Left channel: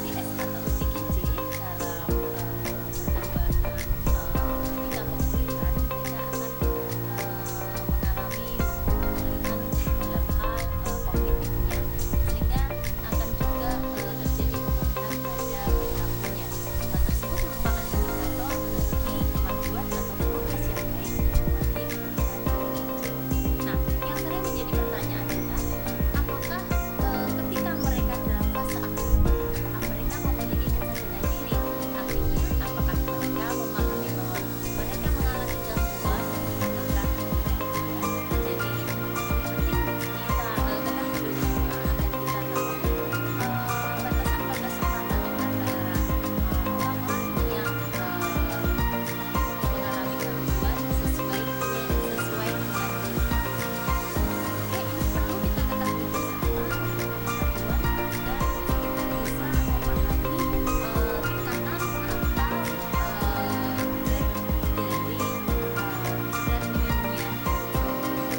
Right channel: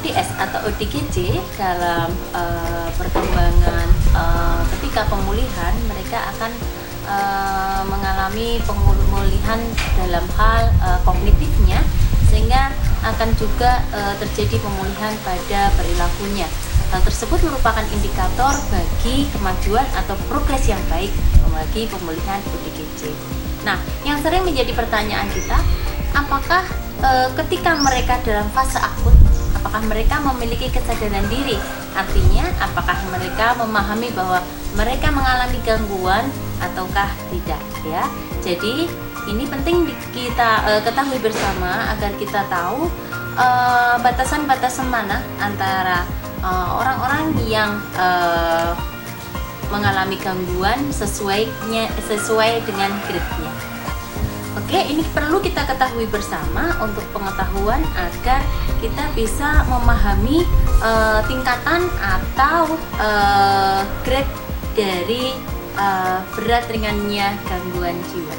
DS atau ODGJ dalam perkembangan ketika pemulihan mereka akan mengalami pemulihan dalam hal kognitifnya, sehingga akan juga terjadi pemulihan pada perilakunya. Hal tersebut merupakan indikator bagi kemajuan atau progres yang baik bagi pemulihan ODGJ. Nah, yang sering menjadi pertanyaan kita, apakah ketika mereka dalam fase akut, apakah mereka memiliki kesadaran diri? Artinya, apakah mereka memahami bahwa mereka mengalami gangguan ataukah tidak, ya? Jadi, ini penting kita ketahui bersama agar kita tahu batasan-batasan mana antara orang-orang yang mengalami gangguan sesuai dengan grade-nya. Oke, ini perlu kita ketahui bersama untuk pengetahuan agar kita bisa memahami tingkatan atau grade dari berat ringannya gangguan jiwa.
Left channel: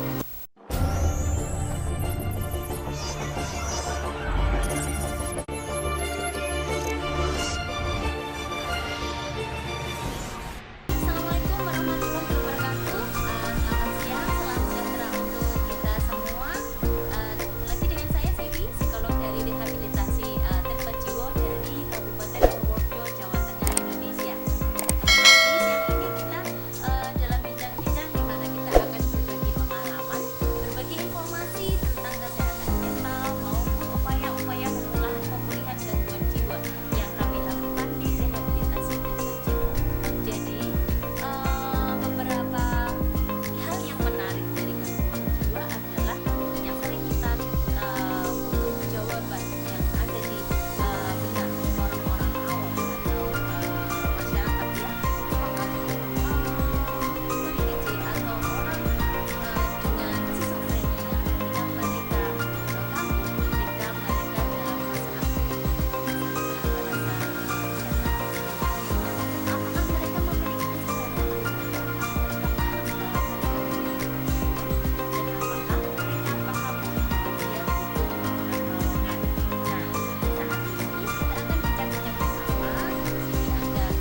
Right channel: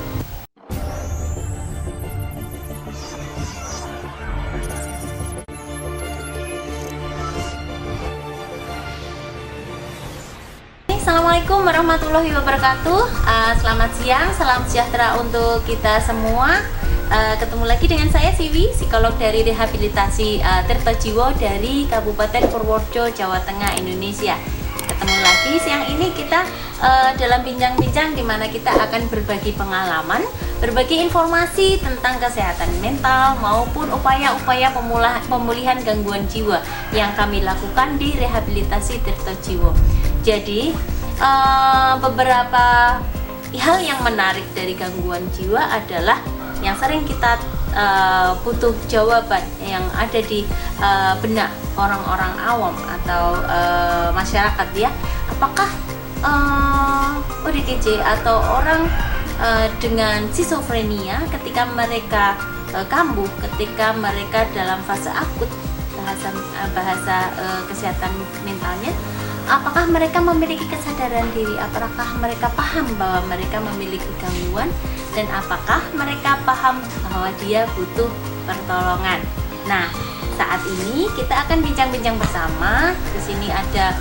Assalamualaikum warahmatullahi wabarakatuh. Selamat siang, salam sejahtera untuk kita semua. Ketemu lagi dengan saya Siwi, psikolog dari rehabilitasi Tirta Jiwo dari Kabupaten Purworejo, Jawa Tengah, Indonesia. Ketemu lagi siang ini kita dalam bincang-bincang di mana kita akan berbagi pengalaman, berbagi informasi tentang kesehatan mental maupun upaya-upaya pemulihan gangguan jiwa yang kami lakukan di rehabilitasi Tirta Jiwo. Jadi beberapa hal yang menarik dari gangguan jiwa adalah yang sering kita butuh jawaban yang ada di benak orang-orang awam atau masyarakat, ya. Apakah ODGJ atau orang dengan skizofrenia ketika mereka kambuh, ketika mereka dalam fase akut, bahasa kesehatan mentalnya, apakah mereka memiliki kesadaran diri? Apakah mereka paham bahwa mereka memiliki gangguan? Dan apakah mereka paham bahwa dia butuh pertolongan? Nah, saat ini kita akan bincang-bincang bersama. Di sini ada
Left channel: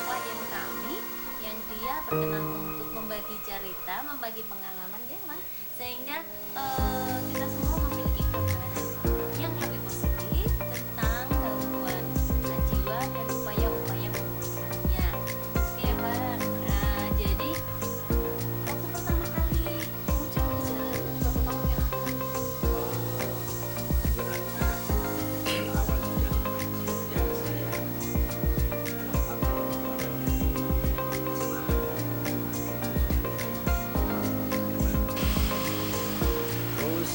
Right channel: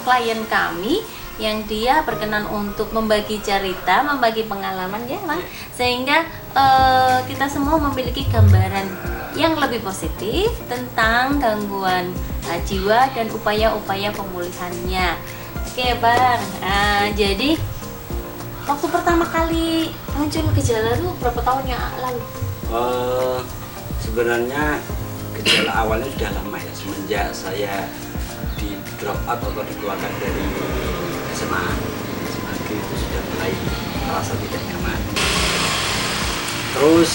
klien kami yang dia berkenan untuk membagi cerita, membagi pengalaman, ya Bang, sehingga kita semua memiliki gambaran yang lebih positif tentang gangguan jiwa dan upaya-upaya pemulihannya. Oke Bang, jadi waktu pertama kali muncul gejala itu berapa tahun yang lalu? Sebenarnya gejala awalnya sudah lama ya, semenjak saya di drop out atau dikeluarkan dari SMA itu sudah mulai merasa tidak nyaman. Terus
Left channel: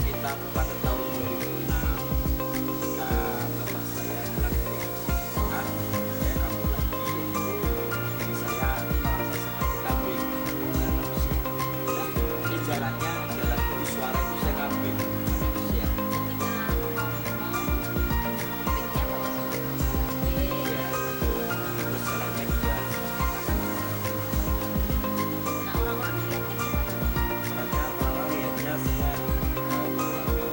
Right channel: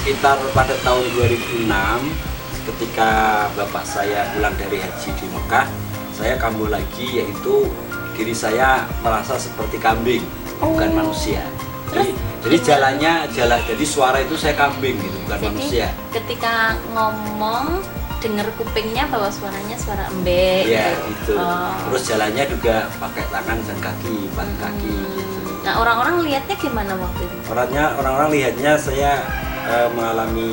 sekitar pada tahun 2006 ketika bapak saya pulang dari haji di Mekah, saya kambuh lagi, yaitu diri saya merasa seperti kambing, bukan manusia. Jadi jadi suara itu saya kambing gitu, bukan jadi, manusia. Ketika ngomong dengar kupingnya bahwa suaranya suara embek. Iya gitu. Terus jalannya juga pakai tangan dan kaki, pakai kaki gitu. Nah, orang-orang lihatnya gimana waktu itu? Orang-orang lihatnya saya mengalami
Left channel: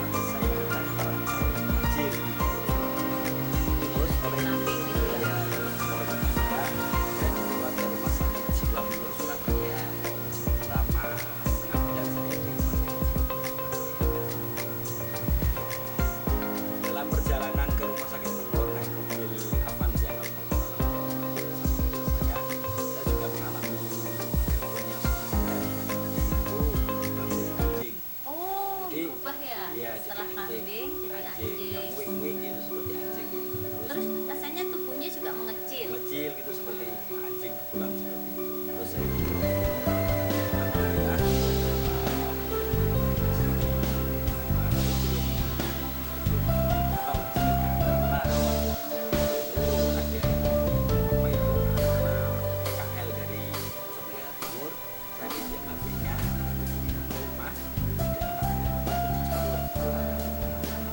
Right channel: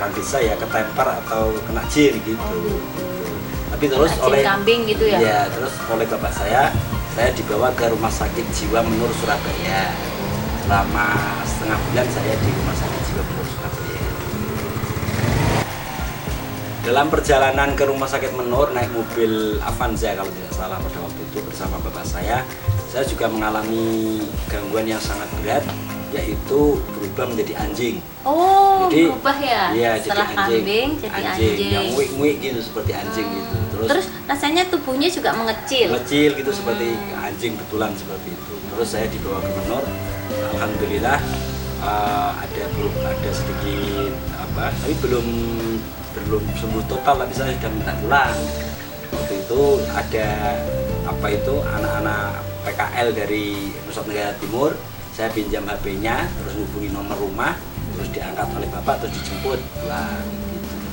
orang desa ya, ketempar atau kena jin gitu. Tapi terus oleh kambing gitu ya? Ya, terus oleh bapak saya dibawa ke Rumah Sakit Jiwa Menur Surabaya. Selama setengah bulan saya di Rumah Sakit Jiwa Menur Surabaya. Dalam perjalanan ke Rumah Sakit Menur naik mobil Avanza kalau tidak salah pada waktu itu bersama bapak saya juga mengalami gangguan yang sangat berat, yaitu berubah menjadi anjing. Jadi, berubah ya? Iya, setelah jadi kambing jadi anjing. Yang wik-wik gitu, seperti anjing gitu. Terus rasanya tubuhnya juga mengecil gitu, seperti anjing betulan seperti itu. Terus saya dibawa ke Menur. Alhamdulillah ada sedikit tapi belum sembuh total, tapi saya sudah minta pulang. Waktu itu ada anak-anak PKL dari Nusa Tenggara Timur. Saya pinjam HP-nya, terus hubungi nomor rumah, terus diangkat oleh bapak, terus dijemput pulang.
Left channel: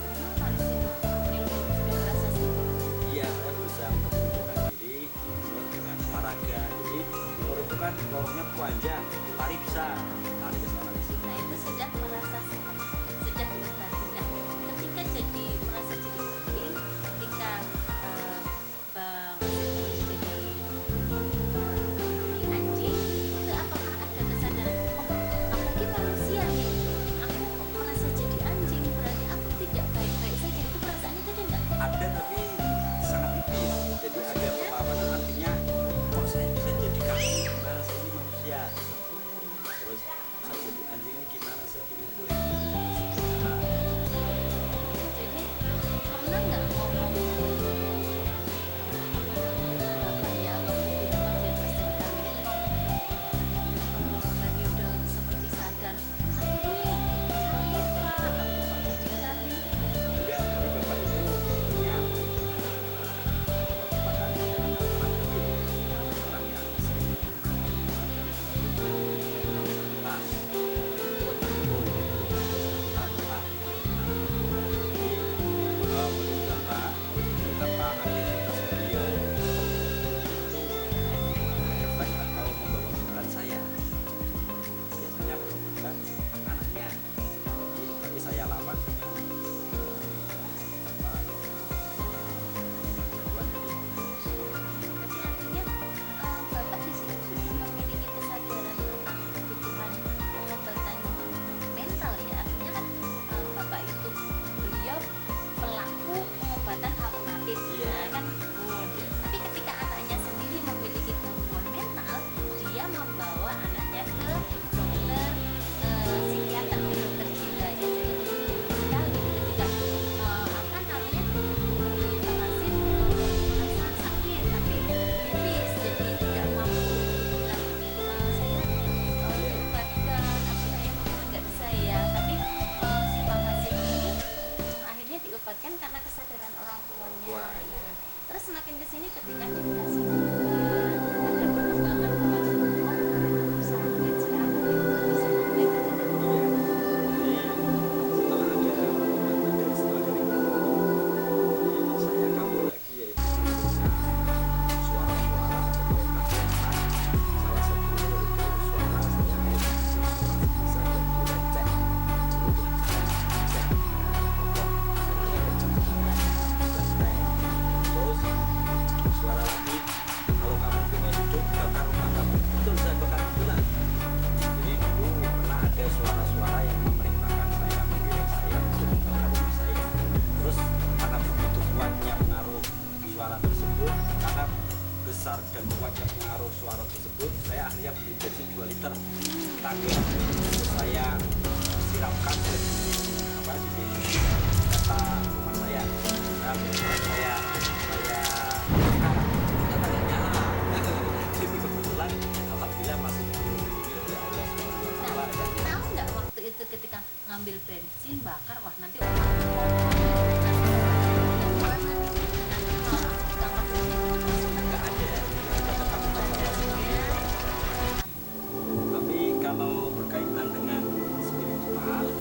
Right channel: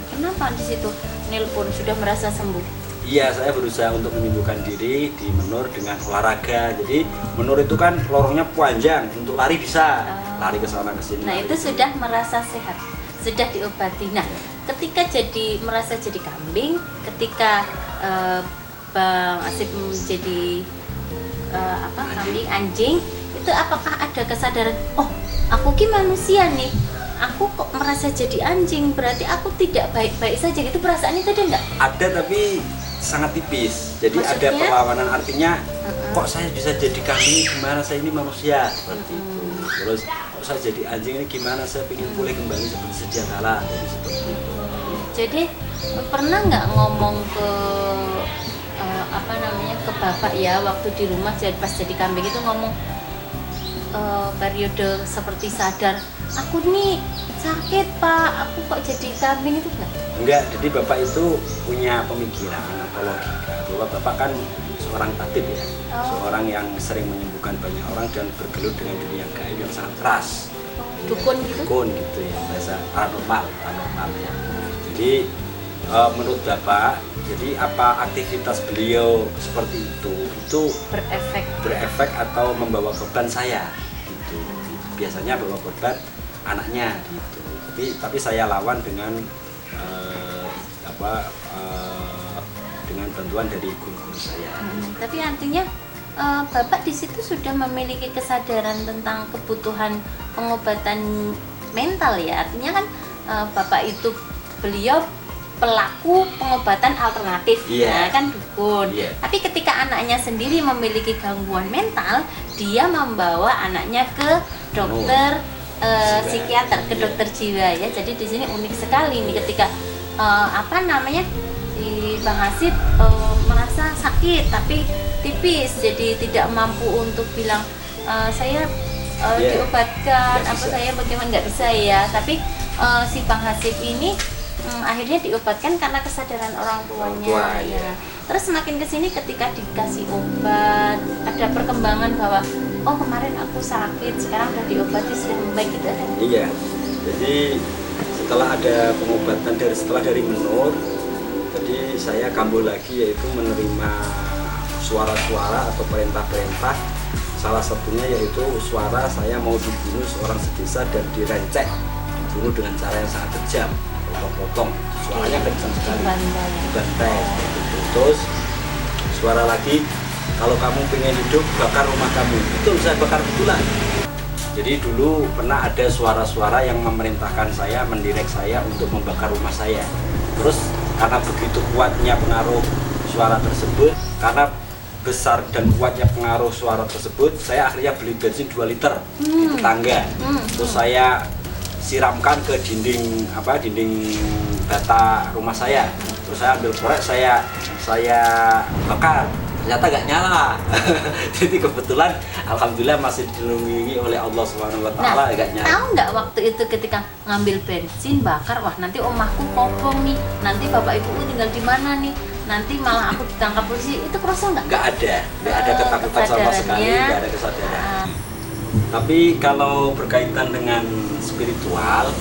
Kenapa di situ nelpon sudah merasa sembuh? Iya, saya berusaha untuk menyembuhkan diri di Menur dengan olahraga. Jadi Menur itu kan lorongnya panjang, untuk lari bisa. lari ke sana ke sini. Nah itu sudah merasa sehat, sudah diobati. Nah ketika merasa jadi kambing, ketika Bang Asif menjadi kambing, anjing, itu apakah ada kesadaran, oh aku ki manusia nih, aku kok merasa jadi anjing, berarti aku tidak baik-baik saja, itu perasaan itu ada nggak? Ada, tapi sangat tipis. Jadi Maksudnya? ada perlawanan, artinya kok saya bisa jadi kambing, gimana saya ini manusia seperti itu. Terus kok saya jadi anjing ini gimana, saya ingin pulih kembali seperti sedia kala. Jadi pernah nggak ngomong ke ke bapak ya, waktu di rumah pas jadi kambing itu ngomong periode seperti sadar, aku nih sakit pak, aku kok jadi kambing, itu Enggak, jadi bapak itu punya pemikiran atau logika bahwa bapak kan seorang tabib ya, seorang yang sering menyembuhkan banyak orang dan bergelut dengan dunia gaib yang sangat keras. dukun gitu? Dukun gitu ya, bahasa paranormal ya. Jadi menurut bapak, jadi apa aktivitas beliau seperti itu berefek atau membawa beban saya gitu. Biasanya bawa beban anaknya gitu. Tapi saya lawan dengan dengan bantuan dari guru-guru saya. Tapi artinya bapak di situ sudah memiliki kesadaran tentang kebutuhan pengobatan mental ya. Artinya kan bapak itu beliau pelaku pengobatan alternatif, Yeah. kan dukun. Yeah. Tapi ketika anaknya sendiri memiliki gangguan mental, dia membawa anaknya ke dokter psikiater, ke dokter jiwa ya. Jadi di sini unik sekali nih ketika si Bang Asif merasa sakit tapi tipis, jadi tidak mampu untuk bilang saya diobatkan, saya bagaimana, nggak bisa ya. Tapi si Bang Asif ini akhirnya diobatkan karena kesadaran orang tuanya ya. Terus semakin kesini ketika dikasih obat, ada perkembangan bahwa oh kemarin aku sakit, sekarang udah diobati sudah membaik, gitu ada? Iya, jadi setelah ada pengobatan dari Menur, jadi saya kambuh lagi, yaitu menerima suara-suara atau perintah-perintah. Salah satunya yaitu suara saya mau dibunuh seorang sedesa dan direncek, dibunuh dengan cara yang sangat kejam, potong-potong, suaranya kencang sekali, dibantai. Terus suara lagi, kalau kamu pengen hidup bakar rumah kamu. Itu saya bakar betulan. Jadi dulu pernah ada suara-suara yang memerintahkan saya, mendirect saya untuk membakar rumah saya. Terus karena begitu kuatnya pengaruh suara tersebut, karena besar dan kuatnya pengaruh suara tersebut, saya akhirnya beli bensin 2 liter ke tangga. Terus saya siramkan ke dinding bata rumah saya. Terus saya ambil korek, saya bakar. Ternyata nggak nyala. Jadi kebetulan alhamdulillah masih dilindungi oleh Allah Subhanahu wa taala, nggak nyala. Tahu nggak waktu itu ketika ngambil bensin bakar, wah nanti omahku kobong nih, nanti bapak ibuku tinggal di mana nih, nanti malah aku ditangkap polisi, itu kerasa nggak? Nggak ada ketakutan sama sekali, nggak ada kesadaran. Tapi kalau berkaitan dengan spiritual,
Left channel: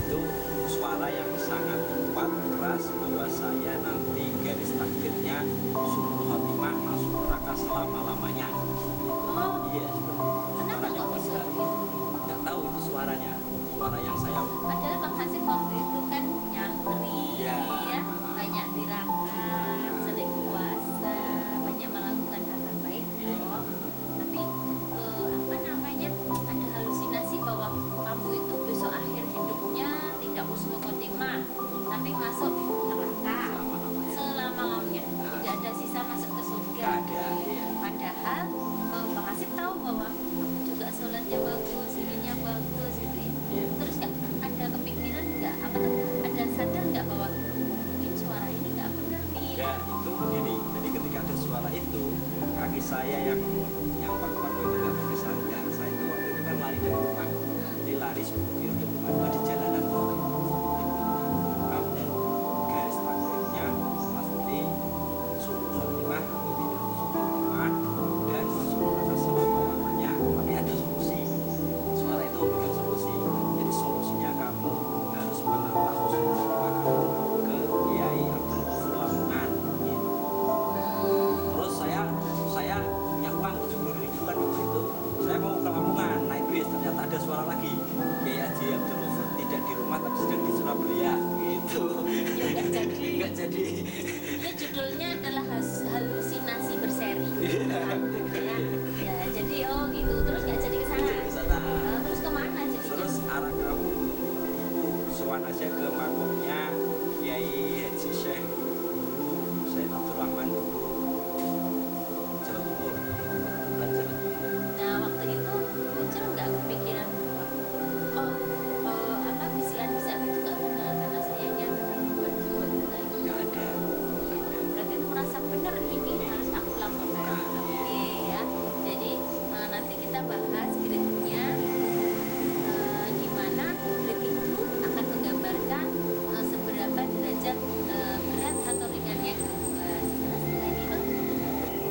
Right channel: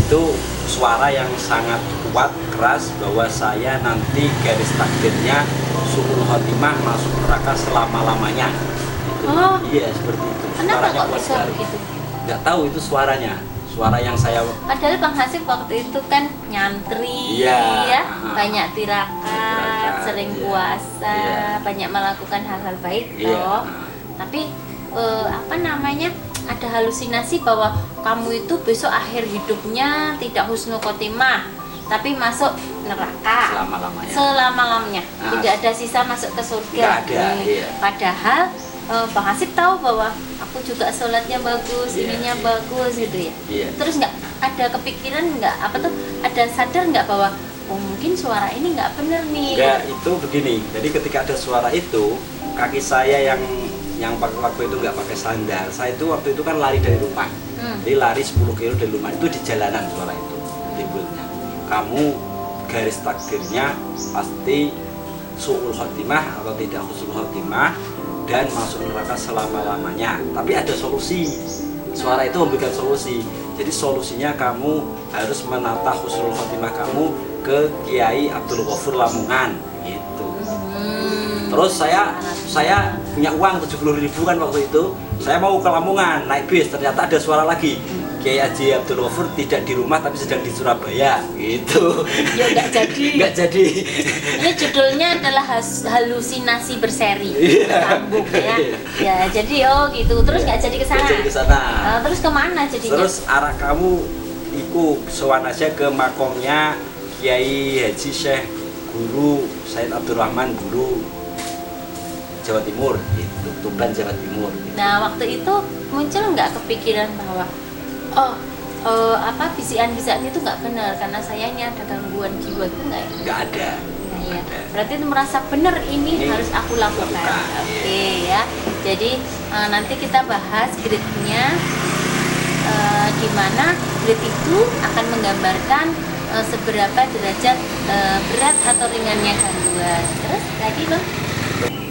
itu suara yang sangat kuat, keras, bahwa saya nanti garis takdirnya suul khotimah, masuk neraka selama-lamanya. Oh. Iya, seperti itu. Kenapa Suaranya kok kuat bisa sekali. begitu? Nggak tahu itu suaranya. Suara yang saya... Padahal Bang Hasib waktu itu kan nyantri, Iya. ya, banyak tirakat, sering iya. puasa, Iya. banyak melakukan hal-hal baik, Iya. toh. Tapi ada halusinasi bahwa kamu itu besok akhir hidupnya tidak husnul khotimah, tapi masuk neraka selama-lamanya. Tidak ada sisa masuk ke surga. Nggak ada, iya. Padahal Bang Hasib tahu bahwa aku juga sholatnya bagus, ininya bagus gitu ya. Iya. Terus nggak ada kepikiran, ada sadar nggak bahwa oh mungkin suara ini nggak bener nih. Enggak, itu begini. Jadi ketika ada suara itu, kaki saya yang waktu itu nggak pakai sandal, saya itu waktu itu kan lari dari rumah. Jadi lari 10 kilo dari rumah, itu di jalanan suara itu timbulnya. Kamu garis takdirnya pasti suul khotimah atau tidak husnul khotimah dan masuk neraka selama-lamanya. Tapi ada solusi. Suara itu memberikan solusi. Jadi solusinya kamu harus menata husnul khotimah kamu ke Kiai Abdul Ghafur Lamongan gitu. Terus saya punya uang 70.000 kan waktu itu. saya mau ke Lamongan naik bis, ternyata ada suara lagi, Kiai Haji Abdul Ghafur tidak di rumah tapi sedang di Surabaya gitu. Ya nggak jadi. Nggak jadi. Ini judulnya adalah halusinasi berseri. Sambung ya. Ya jadi gitu. Terus nggak jadi ke sana. Nggak jadi ke sana. Terus kemana jadinya? Terus arah kamu iku sowan aja ke makomnya Kiai Haji Syekh Guru Said Abdurrahman, guru Jawa Timur gitu, Tuban Jawa Timur. Nah waktu itu muncul nggak kepikiran bahwa bisikan-bisikan itu nggak benar karena saya ini ada gangguan jiwa gitu nggak ya? Nggak ada. Nah, ya. Berarti itu merasa benar ini harus aku lakukan. Oke ya. Jadi nanti kita bahas grade-nya, di mana grade itu akan menggambarkan seberapa derajat berat atau ringannya gangguan. Terus lagi Bang?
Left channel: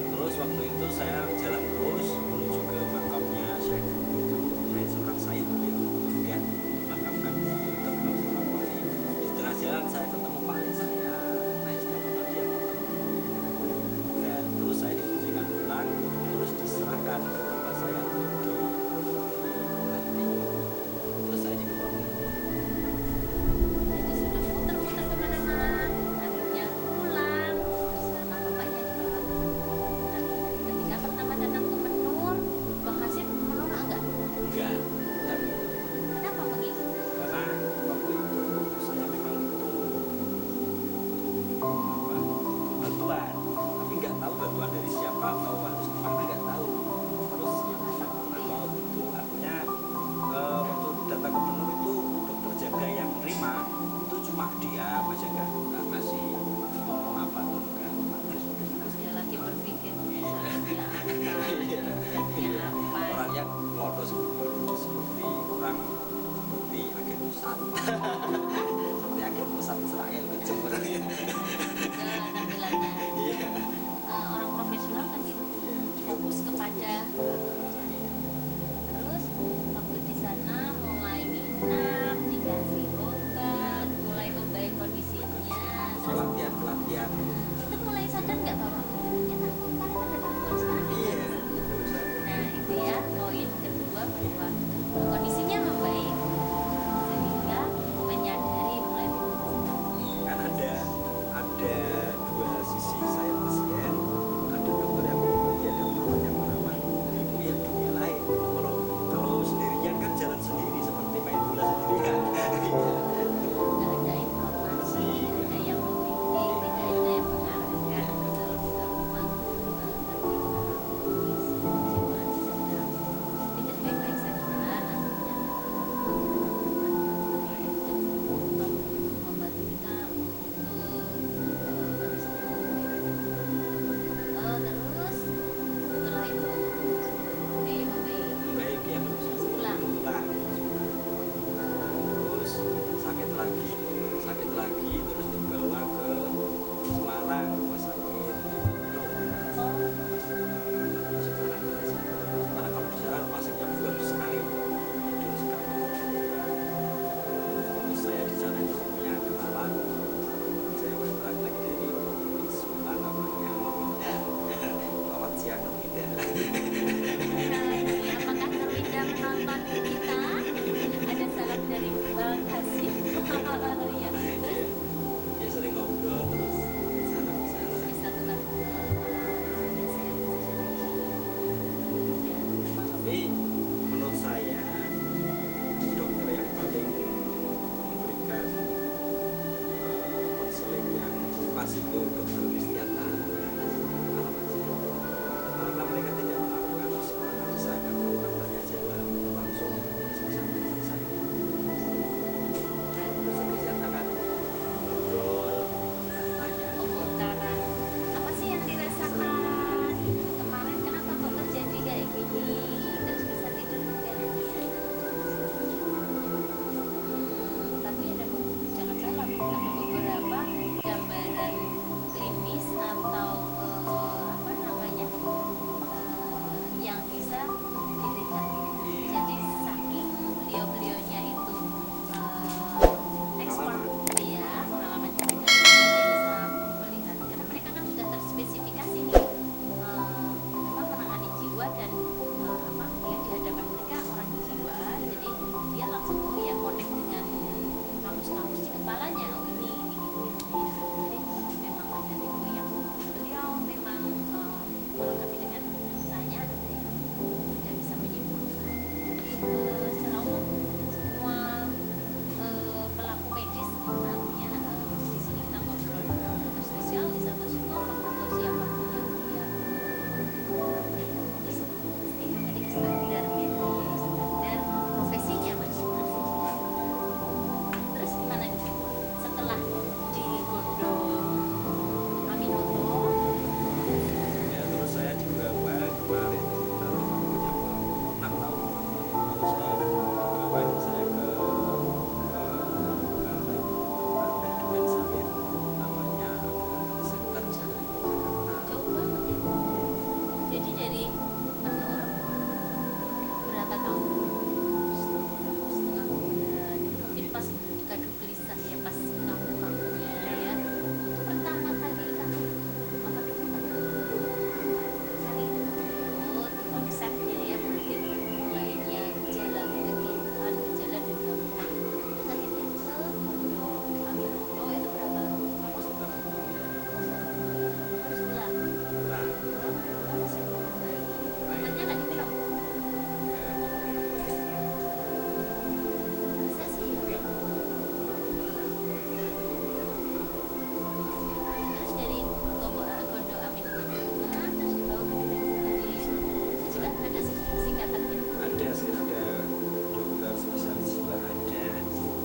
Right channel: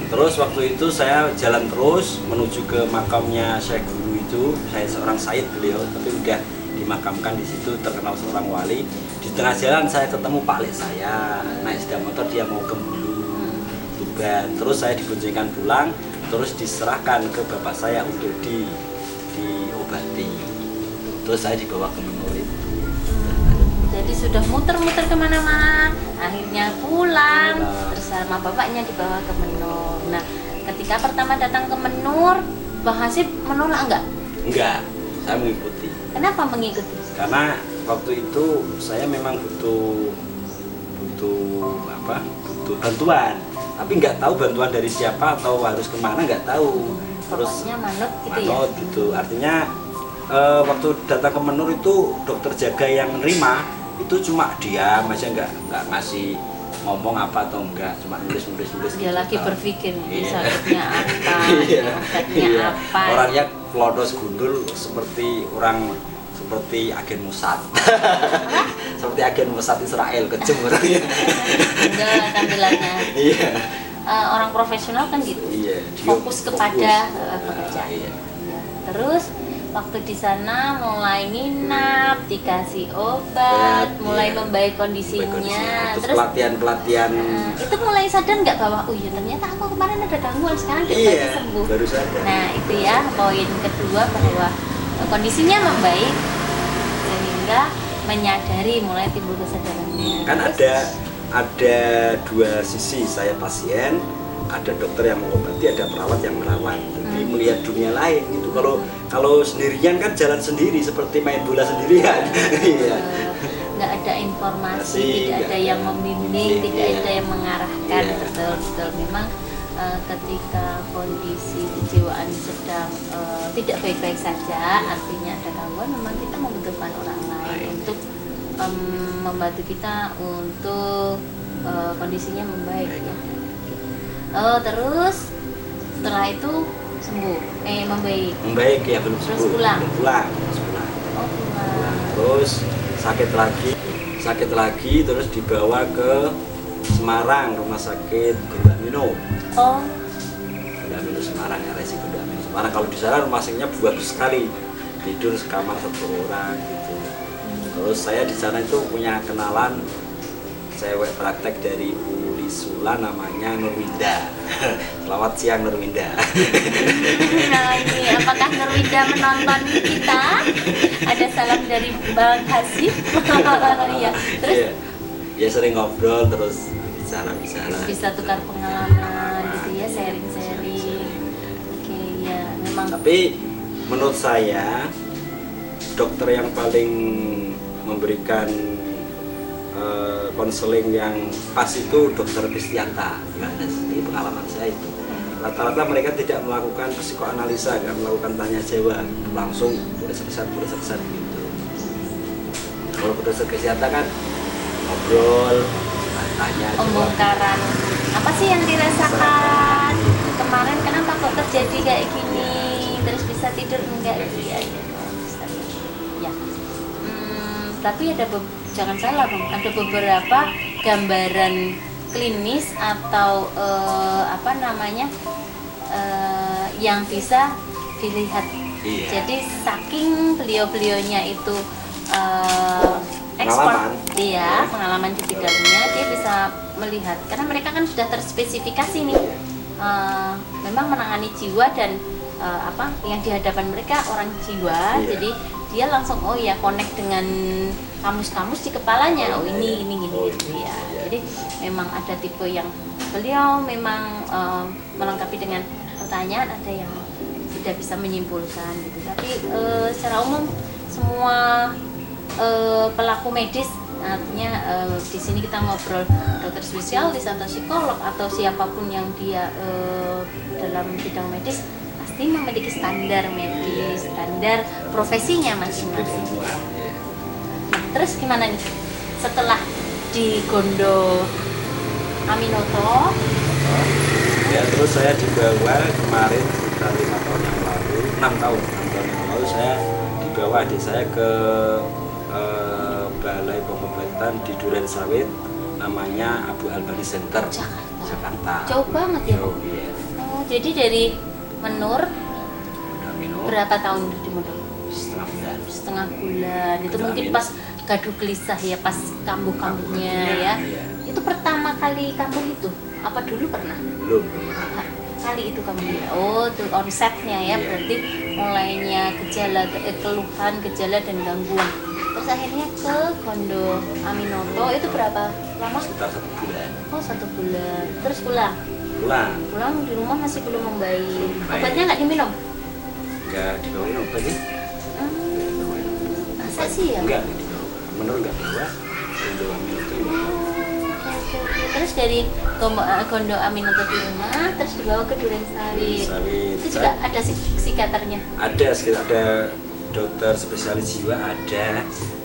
Terus waktu itu saya jalan terus menuju ke makamnya Syekh Guru itu, saya seorang said beliau, tapi udah dimakamkan di situ, terkenal seorang wali. Di tengah jalan saya ketemu Pak Lek saya, naik sepeda motor, dia mau ke Bulu, Tuban. Terus saya diboncengkan pulang, terus diserahkan ke bapak saya untuk diobati. Terus saya dibawa ke Menur itu. Jadi sudah muter-muter kemana-mana, akhirnya pulang, terus sama bapaknya dibawa ke Menur. Nah, ketika pertama datang ke Menur, Bang Hasib menolak enggak? Enggak, saya mengikuti. Kenapa mengikuti? Karena waktu itu saya memang butuh bantuan, tapi nggak tahu bantuan dari siapa atau harus kemana, nggak tahu. Terus Pokoknya manut gitu ya? manut gitu, artinya waktu datang ke Menur itu dokter jaga yang nerima itu cuma diam aja, nggak ngasih ngomong apa atau enggak, cuma nulis Dia lagi gitu. berpikir Iya. sakitnya apa, Iya. obatnya Iya. apa. Orangnya lodos gundul seperti agen Mossad. Seperti agen Mossad Israel, kejam orangnya. Enggak tampilannya. Iya. Orang profesional kan gitu. Iya, dia Fokus kepada fokus. pekerjaan. Iya. Ya, terus waktu di sana mulai nginap, dikasih obat, Ya, mulai iya. membaik kondisinya. Terus pelatihan itu mulai sadar nggak bahwa iya ternyata aku kemarin ada gangguan, sekarang dia iya, sembuh. baru sadar. Nah itu ya poin kedua, bahwa kondisinya membaik sehingga menyadari, mulai timbul kesadarannya. Kan Terus, ada dua sisi, saya pasien, ada dokter yang mengobati, ada perawat yang merawat. Jadi melihat dunia lain gitu. Kalau sendirian kan jalan sendiri seperti main bola sendirian. Iya. nggak ada informasi, Masih tidak ada nggak yang ada. membimbing, Iya. tidak ada yang mengarahkan. Iya. Betul memang ketika kondisi kejiwaan sedang tidak baik-baik saja, artinya ada gangguan, memang kita membutuhkan orang lain untuk membantu kita untuk kondisinya membaik ya. Terus setelah itu sembuh, membaik. Ya belum Terus sembuh. pulang? Belum pulang. Terus pulang. Oh pulang. Terus sakit lagi terus dibawa ke Semarang, rumah sakit Gunda Mino. Oh Gunda Mino Semarang, RSI Gunda Mino Semarang. Kalau di sana rumah sakitnya bagus sekali, tidur sekamar satu orang gitu. Terus saya di sana itu punya kenalan cewek praktek dari Uli Sula, namanya Nurwinda. Selamat siang Nurwinda. Nah ini apakah Nurwinda menonton kita? Ada salam dari Bang Hasib. Iya. Terus Ya sering ngobrol, terus bicara. bisa tukar pengalaman gitu ya, sharing. Oke ya memang. Tapi menurut saya dokter yang paling memberikan konseling yang pas itu dokter Kristianta. Nggak ada, di pengalaman saya itu. Rata-rata mereka tidak melakukan psikoanalisa, nggak melakukan tanya jawab, langsung tulis resep gitu. Kalau dokter Kristianta kan ngobrol, tanya jawab. Pembongkaran apa sih yang dirasakan kemarin, kenapa kok terjadi kayak gini, terus bisa tidur enggak ya. Tapi jangan salah Bang, ada beberapa gambaran klinis atau yang bisa dilihat. Iya. Jadi saking beliaunya itu ekspor pengalaman di bidangnya, dia bisa melihat karena mereka kan sudah terspesifikasi nih, memang menangani jiwa dan yang di hadapan mereka orang jiwa, jadi dia langsung oh ya connect dengan kamus-kamus di kepalanya, oh ini gini gitu ya. Jadi memang ada tipe yang beliau memang melengkapi dengan pertanyaan, ada yang tidak bisa menyimpulkan gitu. Tapi secara umum semua pelaku medis, artinya di sini kita ngobrol dokter spesialis atau psikolog atau siapapun yang dia dalam bidang medis pasti memiliki standar medis, standar profesinya masing-masing. Nah, terus gimana nih setelah di Gondo Aminoto? Ya terus saya dibawa kemarin sekitar 5 tahun yang lalu, 6 tahun yang lalu saya dibawa adik saya ke balai pengobatan di Duren Sawit, namanya Abu Albani Center, Jakarta. Jauh banget ya? Jauh, iya. Oh, jadi dari Menur berapa tahun di Menur? Setengah bulan. Itu mungkin pas gaduh gelisah ya, pas kambuh-kambuhnya ya. Itu pertama kali kambuh itu? Apa dulu pernah? Belum. Kali itu kamu oh itu onsetnya ya, berarti mulainya gejala keluhan, gejala dan gangguan. Terus akhirnya ke Gondo Aminoto itu berapa lama? Sekitar 1 bulan. Oh 1 bulan. Terus pulang di rumah masih belum membaik. Obatnya nggak diminum? Nggak dibawain obat sih. Masa sih ya? Enggak dibawa. Menurut nggak bawa. Gondo Aminoto enggak. Terus dari Gondo Aminoto di rumah, terus dibawa ke Duren Sawit. Itu juga ada psikiaternya? Ada dokter spesialis jiwa ada,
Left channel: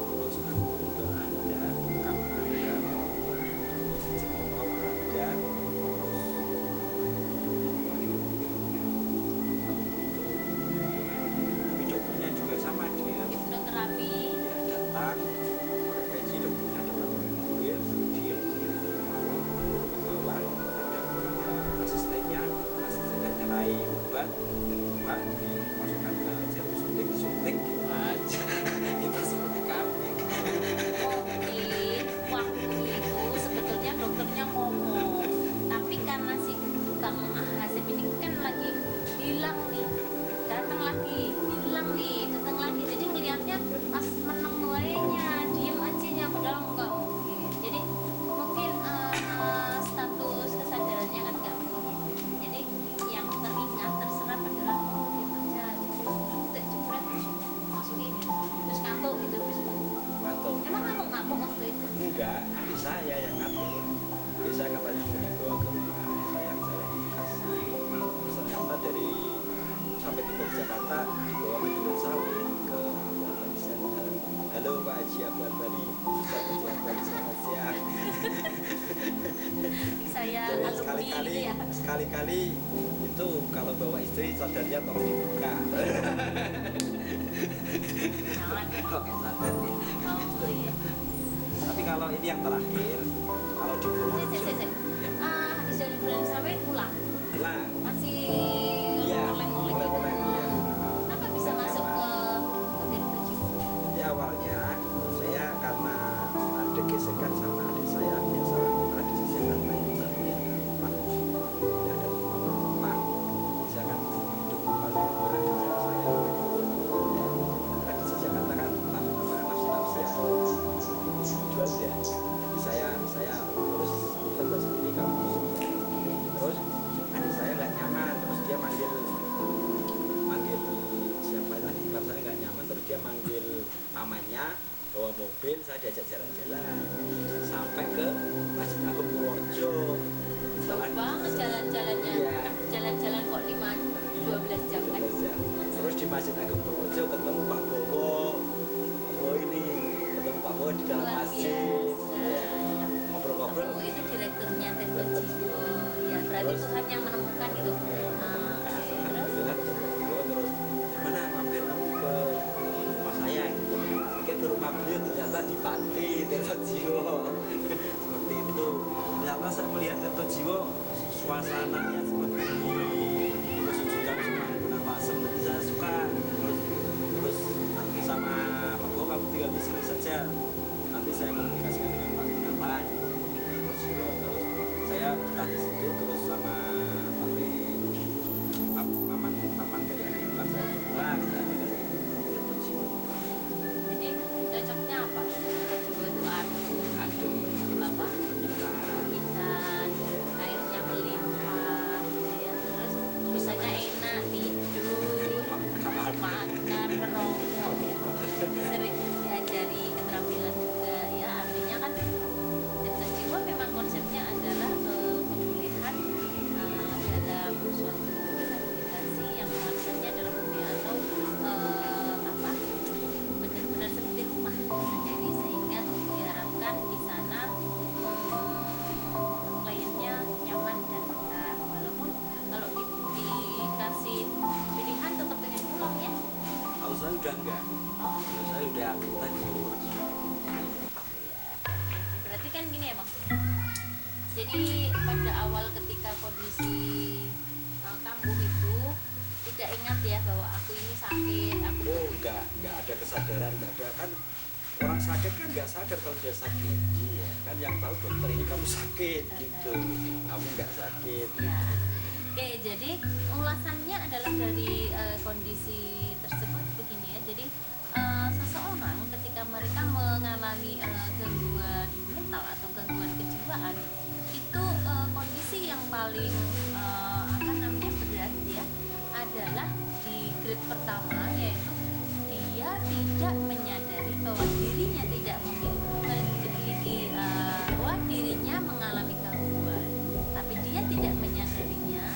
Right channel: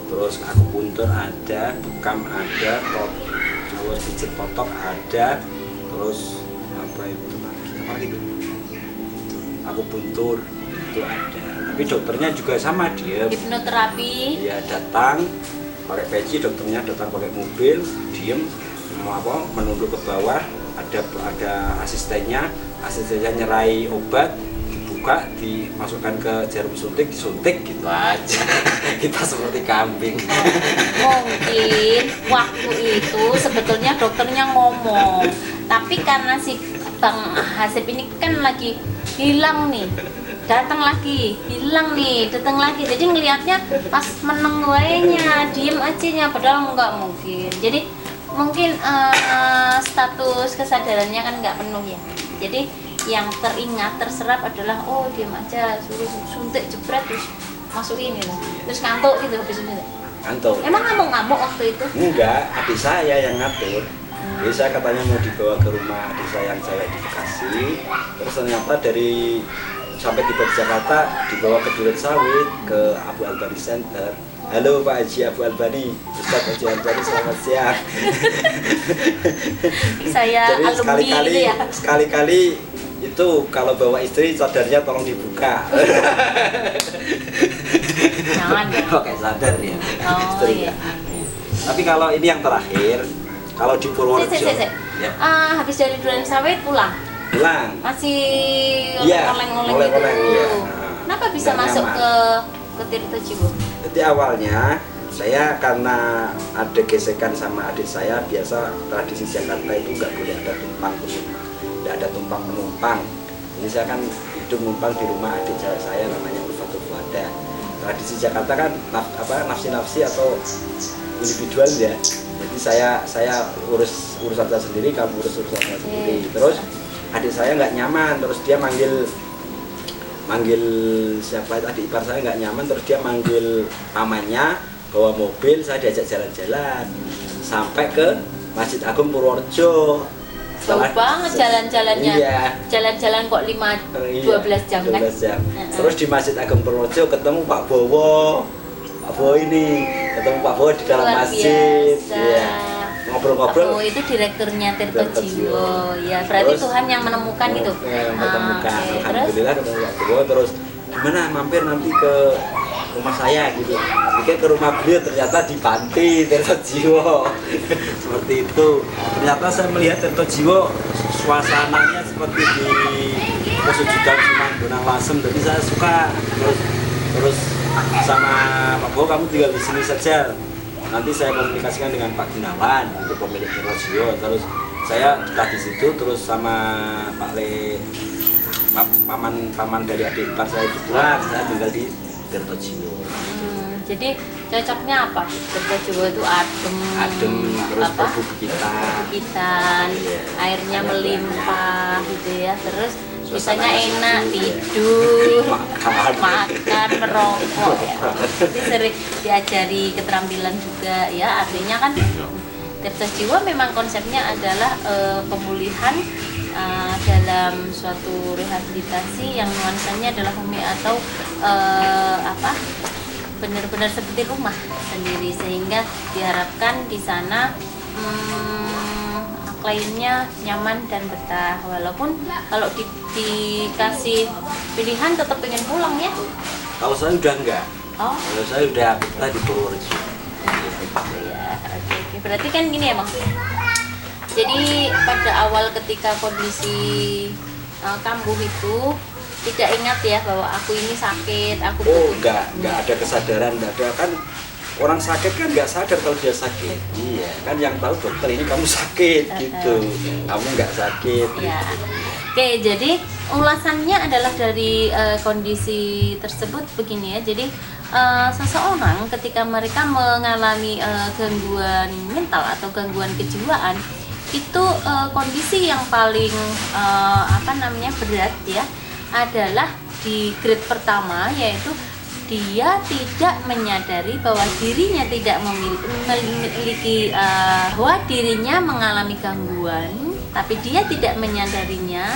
terus akupuntur ada, bekam ada, terus pijat kotok ada, terus apa itu akupuntur itu ada. Tapi dokternya juga sama, dia hipnoterapi. Dia datang pakai peci, dokternya datang pakai mobil, diem menunduk ke bawah, ada asistennya nyerai obat, dibuka, dimasukkan ke jarum suntik, disuntik gitu aja. Kita seperti kambing. Mungkin waktu itu sebetulnya dokternya ngomong, tapi karena si Bang Hasib ini kan lagi hilang nih, datang lagi, hilang nih, datang lagi, jadi ngelihatnya pas meneng wainya, diem aja, padahal nggak mungkin. Jadi mungkin status kesadarannya kan nggak penuh ya, jadi yang teringat terserap adalah oh diam aja, suruh suntik jebret terus masukin ini loh, terus ngantuk gitu habis itu. Ngantuk. Emang ngamuk waktu itu? Enggak, adik saya yang ngatur. Jadi saya katanya mau dibawa ke rumah adik saya yang cewek di Bekasi, terus ternyata dari sampai tiba di Jakarta dibawa ke Duren Sawit ke Abu Albani Center. Halo Pak Haji Abu Albani, Ustaz Haji Albani, selamat siang. Saya jadi alumni sekali-kali itu kalau bawa istri sadarnya tolong dibuka. Jangan ya. Pakai sadar ya. Oh istri iya. Tapi kalau ini yang terakhir, kalau di Purworejo, ya. Habis dari Duren Sawit pulang. Masih oleng-oleng gitu. Ya. Kenapa bisa masuk ke Tirto Jiwo? Jadi awalnya saya karena ada gesekan sama adik saya, biasa tradisi Jakarta itu nggak boleh ada tumpang, tidak ada tumpang penumpang. Ini saya kan hidup numpang di rumah adik saya namanya Ufatul Fuada. Tradisi Jakarta kan nafsi-nafsi atau individual ya. Jadi saya urusan saya sendiri, kamu urusan saya sendiri. Terus adik saya nggak nyaman, terus dia manggil siapa tadi ipar saya nggak nyaman, terus dia manggil pamannya bawa mobil, saya diajak jalan-jalan sampai ke Masjid Agung Purworejo. Jauh banget jalan-jalannya. Iya. Jalan-jalan kok 12 jam kan? 12 jam. Terus di Masjid Agung Purworejo ketemu Pak Bowo. Pak Bowo ini ketemu Pak Bowo di dalam masjid. Iya. Ngobrol-ngobrol. Oh, itu direkturnya Tirto Jiwo. Ya, berarti terus, Tuhan yang menemukan itu. Menemukan. Alhamdulillah ketemu Pak Bowo, terus gimana mampir nanti ke rumah saya gitu. Pikir ke rumah beliau, ternyata di panti Tirto Jiwo. Seperti itu. Ternyata saya melihat Tirto Jiwo suasananya seperti di Pesujudan Sunan Bonang Lasem. Jadi saya suka. Terus sama Pak Bowo, kamu tinggal di sini saja. Nanti saya komunikasikan dengan Pak Gunawan, itu pemilik Tirto Jiwo. Terus saya betah di situ, terus sama Pak Le paman dari adik ipar saya kebetulan saya tinggal di Kertojiwo. Jadi cocoknya apa? Kertojiwo itu adem terus apa? perbukitan, airnya melimpah gitu ya. Terus Suasana bisanya enak tidur, makan, merokok ya. Jadi sering diajari keterampilan juga ya. Artinya kan Kertojiwo memang konsepnya adalah pemulihan dalam suatu rehabilitasi yang nuansanya adalah home atau benar-benar seperti rumah sendiri, sehingga diharapkan di sana kliennya nyaman dan betah, walaupun kalau dikasih pilihan tetap pengen pulang ya. Kalau saya udah enggak, kalau saya udah betah di Purworejo. Ya, oke. Berarti kan gini ya Bang, jadi pada awal ketika kondisi kambuh itu tidak ingat ya bahwa aku ini sakit, aku enggak ada kesadaran, enggak ada. Kan orang sakit kan nggak sadar kalau dia sakit. Iya, kan yang tahu dokter ini kamu sakit gitu. Kamu nggak sakit. Ya. Oke, jadi ulasannya adalah dari kondisi tersebut begini ya. Jadi seseorang ketika mereka mengalami gangguan mental atau gangguan kejiwaan, itu kondisi yang paling berat ya adalah di grade pertama, yaitu dia tidak menyadari bahwa dirinya tidak memiliki bahwa dirinya mengalami gangguan, tapi dia tidak menyadarinya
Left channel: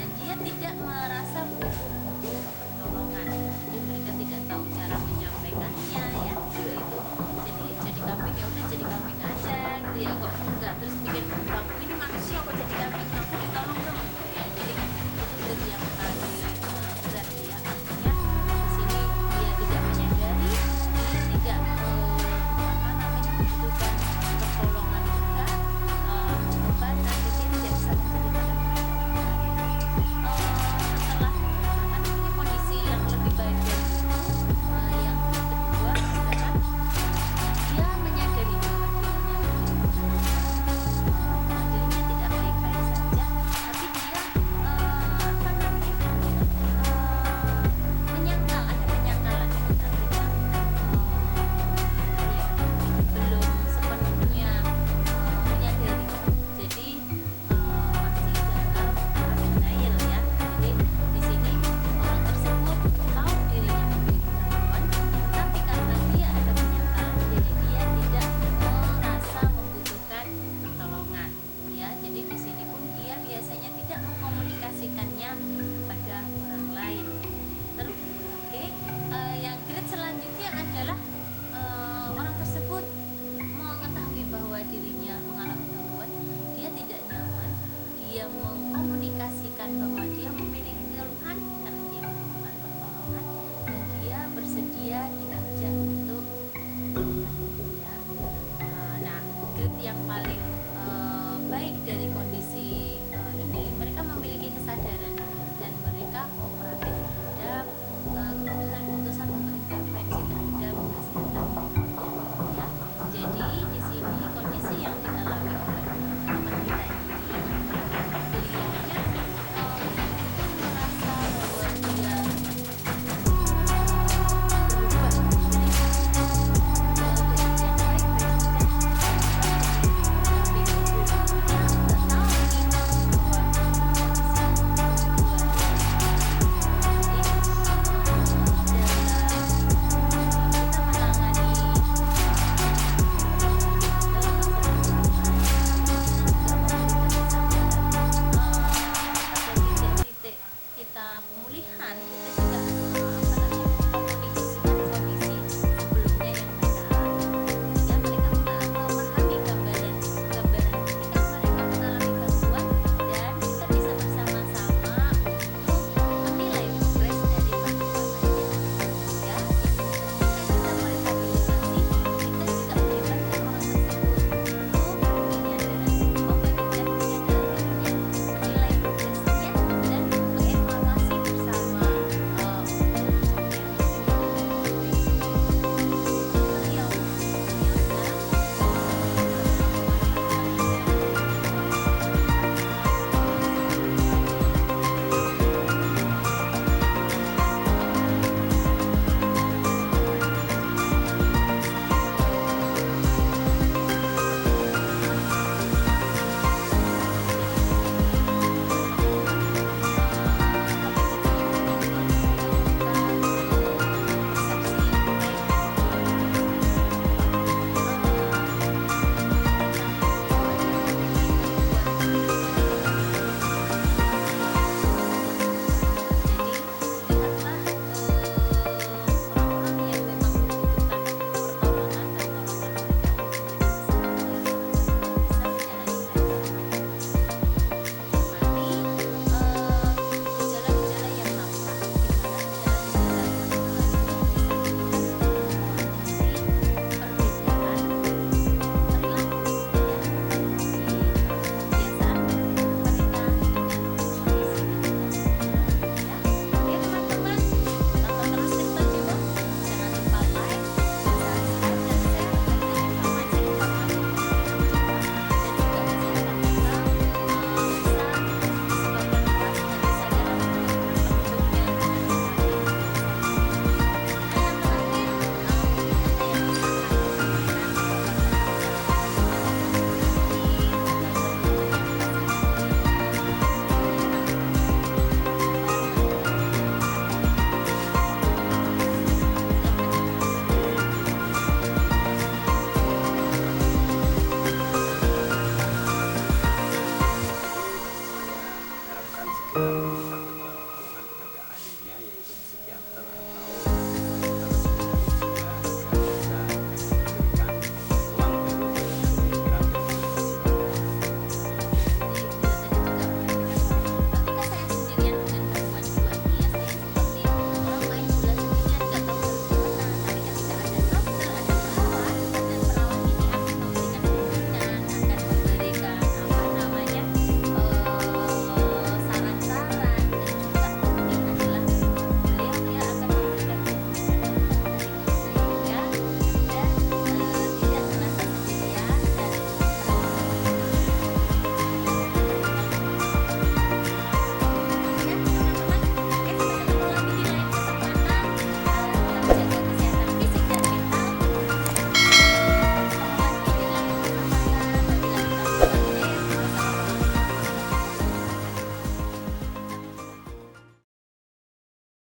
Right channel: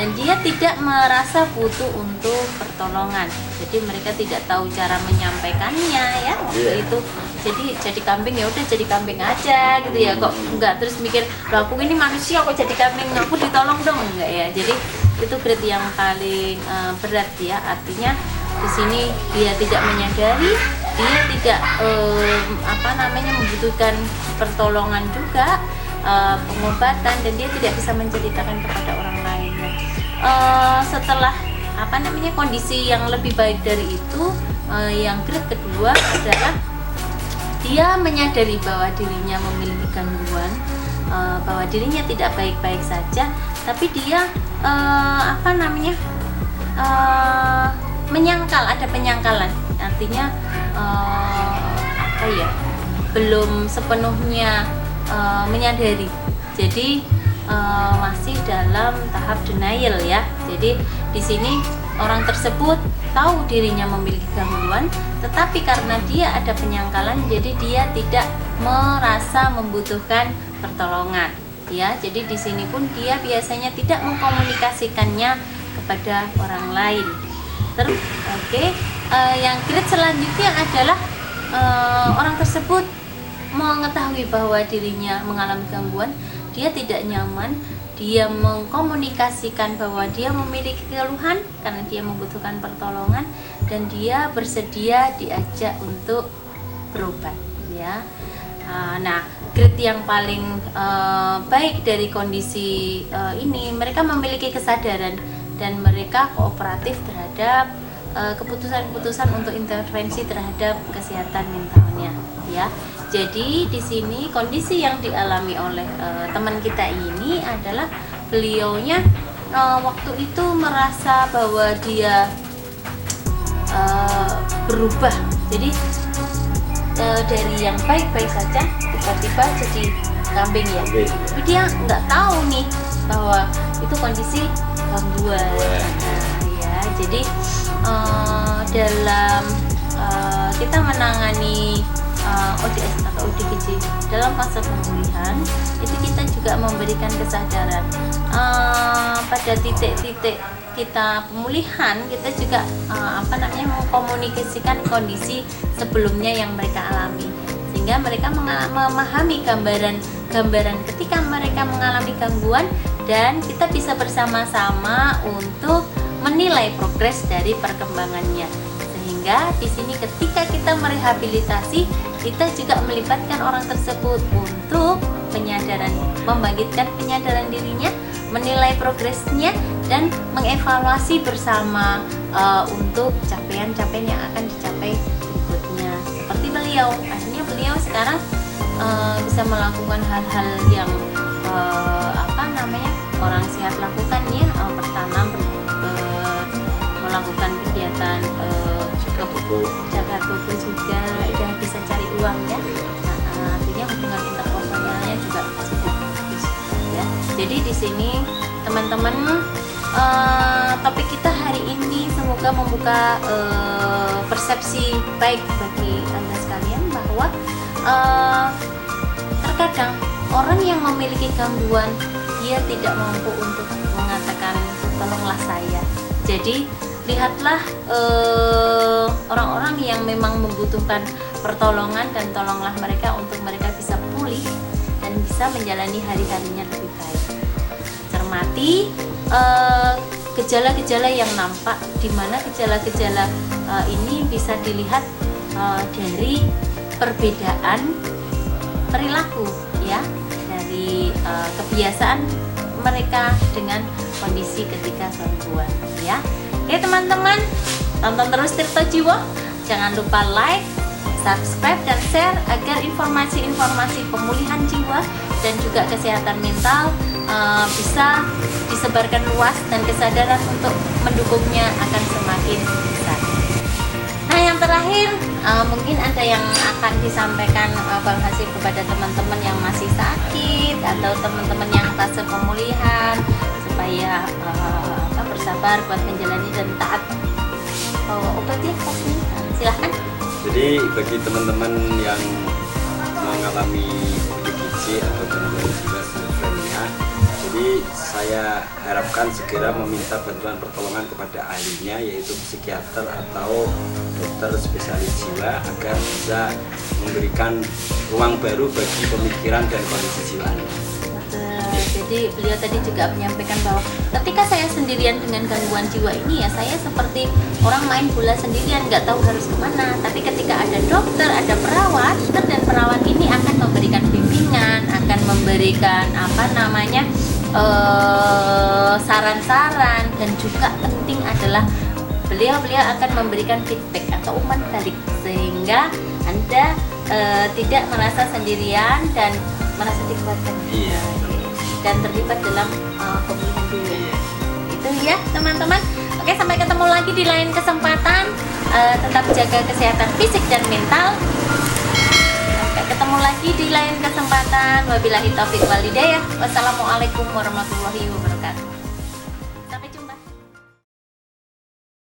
dan dia tidak merasa butuh untuk pertolongan. Jadi mereka tidak tahu cara menyampaikannya ya. Itu jadi kambing ya udah jadi kambing aja gitu ya, kok enggak terus mikir aku ini manusia kok jadi kambing, aku ditolong dong, enggak ya. Jadi itu grade yang paling berat ya, artinya di sini dia tidak menyadari, dia tidak membutuhkan pertolongan juga, pengobatan, dan dia tidak bisa menceritakan kepada orang lain. Setelah kondisi yang lebih baik dari itu, yang grade kedua adalah dia menyadari bahwa dirinya memiliki gangguan, bahwa dirinya tidak baik-baik saja, tapi dia menyangkal, ada penyangkalan, artinya belum sepenuhnya menyadari, jadi masih dalam tahap denial ya. Jadi di sini orang tersebut tahu dirinya memiliki gangguan, tetapi karena dia ada penyangkalan, jadi dia tidak merasa membutuhkan pertolongan ya. Jadi di sini pun dia biasanya tidak mengkomunikasikannya kepada orang lain. Terus yang grade selanjutnya adalah orang tersebut mengetahui bahwa dirinya mengalami gangguan, dia tidak nyaman, dia mengkomunikasikan bahwa dia memiliki keluhan karena dia membutuhkan pertolongan, dan dia bersedia diajak untuk berobat ya. Nah, grade yang paling baik dari kondisi ini, mereka memiliki kesadaran dan mereka kooperatif terhadap keputusan-keputusan untuk intervensi terhadap kesehatan mentalnya ya. Jadi di sini kondisi yang dialami oleh teman kita ini adalah beliaunya waktu itu merasa bahwa dia berubah. Jadi dari yang baik-baik saja tiba-tiba jadi kambing ya. Tapi dia nggak tahu nih bahwa itu kondisi gangguan ya. Jadi dalam kita menangani ODS atau ODGJ dalam fase pemulihan itu kita juga memberikan kesadaran pada titik-titik kita pemulihan, kita juga mengkomunikasikan kondisi sebelumnya yang mereka alami, sehingga mereka memahami gambaran ketika mereka mengalami gangguan, dan kita bisa bersama-sama untuk menilai progres dari perkembangannya. Sehingga di sini ketika kita merehabilitasi, kita juga melibatkan orang tersebut untuk penyadaran, membangkitkan penyadaran dirinya, menilai progresnya, dan mengevaluasi bersama untuk capaian-capaian yang akan dicapai berikutnya. Seperti beliau, artinya beliau sekarang bisa melakukan hal-hal yang orang sehat lakukan ya. Pertama baik bagi Anda sekalian bahwa terkadang orang yang memiliki gangguan dia tidak mampu untuk mengatakan tolonglah saya. Jadi lihatlah orang-orang yang memang membutuhkan pertolongan dan tolonglah mereka untuk mereka bisa pulih dan bisa menjalani hari-harinya lebih baik. Cermati gejala-gejala yang nampak, di mana gejala-gejala ini bisa dilihat dari perbedaan perilaku, ya, dari kebiasaan mereka dengan kondisi ketika gangguan, ya. Oke teman-teman, tonton terus Tirto Jiwa, jangan lupa like, subscribe dan share agar informasi-informasi pemulihan jiwa dan juga kesehatan mental bisa disebarkan luas dan kesadaran untuk mendukungnya akan semakin besar. Nah, yang terakhir mungkin ada yang akan disampaikan Bang Hasyim kepada teman-teman yang masih sakit atau teman-teman yang fase pemulihan supaya bersabar buat menjalani dan taat obatnya. Silahkan. Jadi bagi teman-teman yang mengalami ODGJ atau gangguan jiwa skizofrenia, jadi saya harapkan segera meminta bantuan pertolongan kepada ahlinya, yaitu psikiater atau dokter spesialis jiwa, agar bisa memberikan ruang baru bagi pemikiran dan kondisi jiwa. Jadi beliau tadi juga menyampaikan bahwa ketika saya sendirian dengan gangguan jiwa ini, ya saya seperti orang main bola sendirian, nggak tahu harus kemana. Tapi ketika ada dokter, ada perawat, dokter dan perawat ini akan memberikan bimbingan, akan memberikan saran-saran, dan juga penting adalah beliau akan memberikan feedback atau umpan balik sehingga Anda tidak merasa sendirian dan merasa dikuatkan. Dan terlibat dalam pemulihan jiwa. Itu ya teman-teman. Oke, sampai ketemu lagi di lain kesempatan. Tetap jaga kesehatan fisik dan mental. Oke, ketemu lagi di lain kesempatan. Wabillahi taufiq wal hidayah. Wassalamualaikum warahmatullahi wabarakatuh.